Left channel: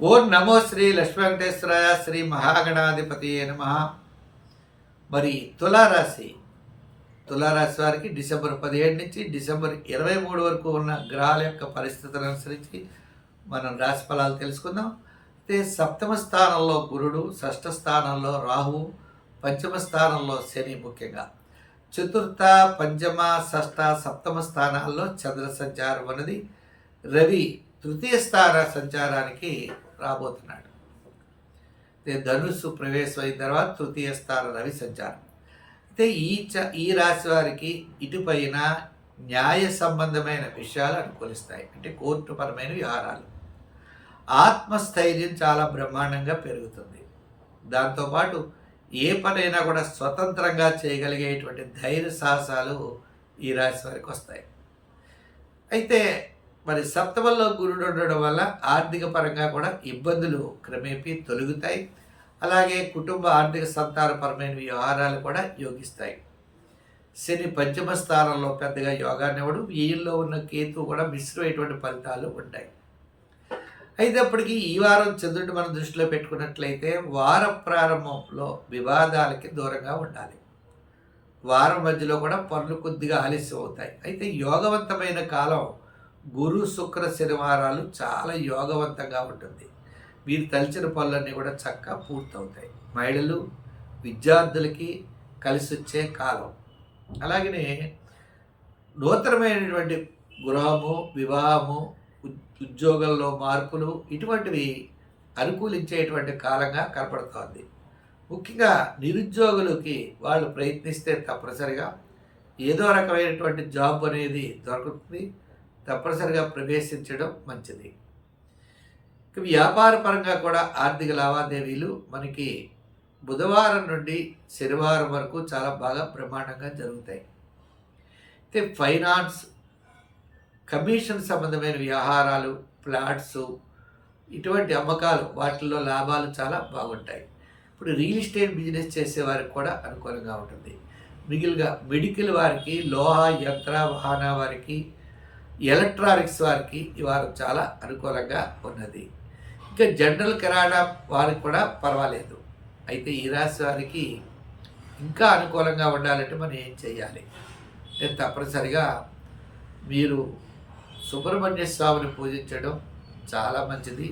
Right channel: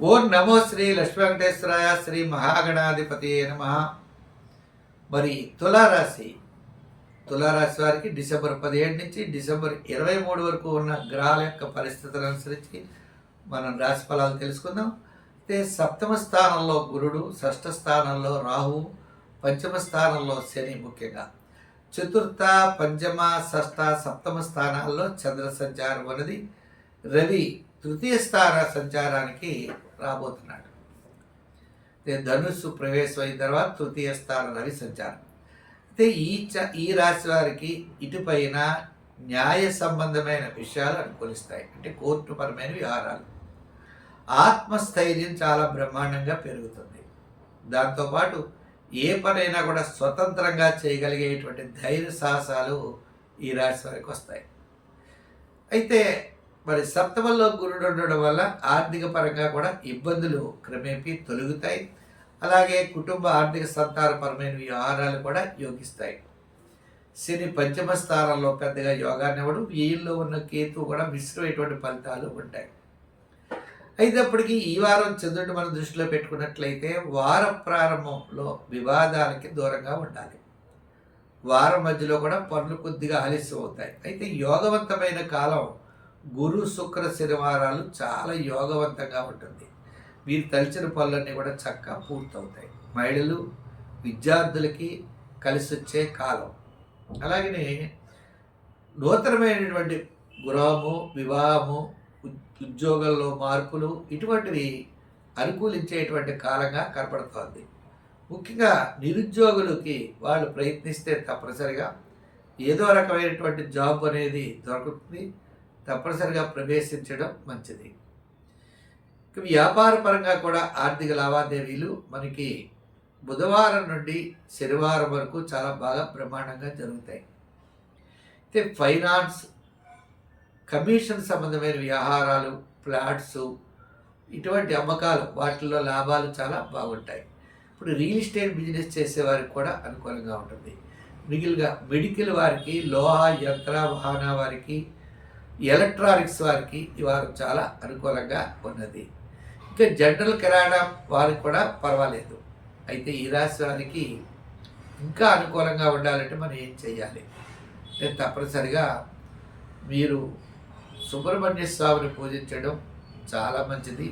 ఓం నమో శ్రీ లక్ష్మీ వెంకటేశ్వరాయ శ్రీ మహాగణాధిపతి నమ. మరి తులారాశి తులారాశి వారికి డిసెంబర్ పదిహేడు నుంచి డిసెంబర్ ఇరవై మూడు వరకు ఉన్న గ్రహాల యొక్క పరిస్థితులను అనుసరించి మనం రాశి ఫలాలు తెలుసుకుందాం. అయితే సప్తమ స్థానంలో గురుడు షష్ఠ స్థానంలో రాహువు పంచమ స్థానంలో శని ముఖ్యంగా. చతుర్థ పంచమ షష్ఠ సప్తమ స్థానాల్లో చంద్ర సంచారం అనేది రవి తృతీయ స్థాన సంచారానికి రాబోతున్నాడు. ధనుస్సు ప్రవేశం అయిన తర్వాత తృతీయ స్థాన రవి సంచారం. అయితే ఈ చ ఈ రాశి వారికి ఇటుపైన న్యాయ సంబంధమైన విషయాలు అనుకూలిస్తాయి. అంటే కోర్టుపరమైన వ్యవహారాలు. ఆత్మస్థైర్యం చాలా బ్రహ్మాండంగా పెరుగుతుంది. దాంతోపాటు ఏ పనైనా కూడా స్వతంత్రంగా చేయగలిగేటువంటి ధైర్య సాహసాలు ఈ రాశి వారికి వస్తాయి. అయితే మరి సప్తమంలో గురుడు ఉండడం వల్ల ఆర్థిక పరంగా కూడా ఇబ్బందులు క్రమేపీ తొలగుతాయి. అలాగే కుటుంబ ఆర్థిక సంతానపరమైన వ్యవహారాలు కూడా యోగిస్తాయి. శని పంచమ స్థానంలో పెద్దగా యోగాన్ని ఇవ్వడం. వీళ్ళలో ఉన్న కేతు కూడా మిశ్రమైనటువంటి ఫలితాలు ఉంటాయి. అయినప్పటికీ ఈ వారం చంద్రుడు మనం దృష్టిలో పెట్టుకున్నట్లయితే వార ప్రారంభంలో వివాదాలకి దూరంగా ఉండాలి. వారం మధ్యలో కూడా పనులు కొద్దిగా ఆలస్యం అవుతాయి అయితే యోగవంతమైన కాలం గురు శుక్ర శనివారాలు చాలా యోగవంతంగా ఉంటుంది. మీరు తలిచిన పనులన్నీ కూడా చక్కగా పూర్తవుతాయి. మహిళలు విద్యార్థులకి కలిసి వచ్చే కాలం. అలాగనే నూతనమైనటువంటి గృహము వివాహము ఉద్యోగంలో మార్పులు ఇటువంటివి అనుకూలించేటువంటి కాలంగా కనపడుతోంది. ముఖ్యంగా నిరుద్యోగులకి వాళ్ళు ప్రయత్నిస్తే తప్పనిసరిగా ఏదో రకమైనటువంటి జాబ్ అనేది దొరుకుతుంది. తప్పనిసరిగా ప్రవేశించడం మంచిది. వ్యాపార పరంగా కూడా ఆర్థిక లావాదేవీలు మనకి బుధవారం నుండి శనివారం వరకు చాలా బాగా ప్రమాణంగా జరుగుతాయి. అయితే ఫైనాన్స్ కమిషన్ సంబంధమైన వ్యవహారాలు ఫ్లాట్స్ ఇటువంటి అమ్మకాలు వాటిల్లో లాభాలు చాలా బాగుంటాయి. ఇప్పుడు రియల్ ఎస్టేట్ బిజినెస్ చేసేవారికి కూడా అనుకూలంగా ఉంటుంది. మిగిలిగా మెడికల్ వారికి లోహ యంత్ర వాహన వారికి ఎలక్ట్రానిక్స్ వారికి ఇవాళ చాలా అనుకూలంగా ఉన్నది. ఇంకా జనరల్ కిరాణా వారికి కూడా పర్వాలేదు. అయితే ఈ రాశి వారికి ఇంకా అనుకూలంగా ఉండాలంటే మనం ఏం చేయాలి నేను తప్పనిసరిగా మీరు సుబ్రహ్మణ్య స్వామిని పూజించడం చాలా మంచిది.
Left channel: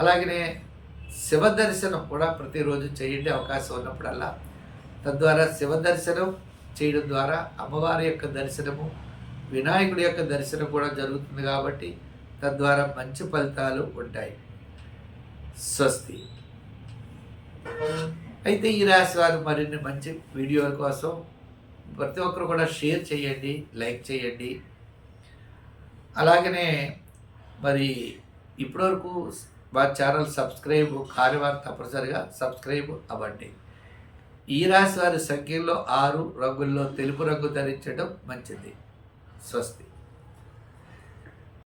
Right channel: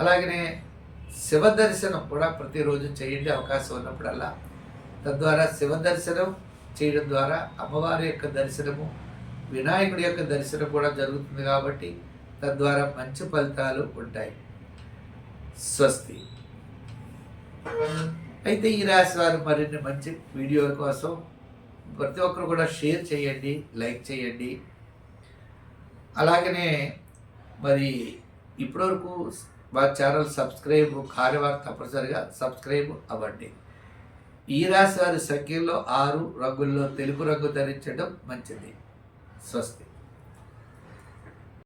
అలాగనే శివ దర్శనం కూడా ప్రతిరోజు చేయండి అవకాశం ఉన్నప్పుడల్లా. తద్వారా శివ దర్శనం చేయడం ద్వారా అమ్మవారి యొక్క దర్శనము వినాయకుడి యొక్క దర్శనం కూడా జరుగుతుంది కాబట్టి తద్వారా మంచి ఫలితాలు ఉంటాయి. స్వస్తి. అయితే ఈ రాశి వారు మరిన్ని మంచి వీడియోల కోసం ప్రతి ఒక్కరు కూడా షేర్ చేయండి లైక్ చేయండి. అలాగనే మరి ఇప్పటివరకు మా ఛానల్ సబ్స్క్రైబ్ కాని వారు తప్పనిసరిగా సబ్స్క్రైబ్ అవ్వండి. ఈ రాశి వారి సంఖ్యలో ఆరు రంగుల్లో తెలుపు రంగు ధరించడం మంచిది. స్వస్తి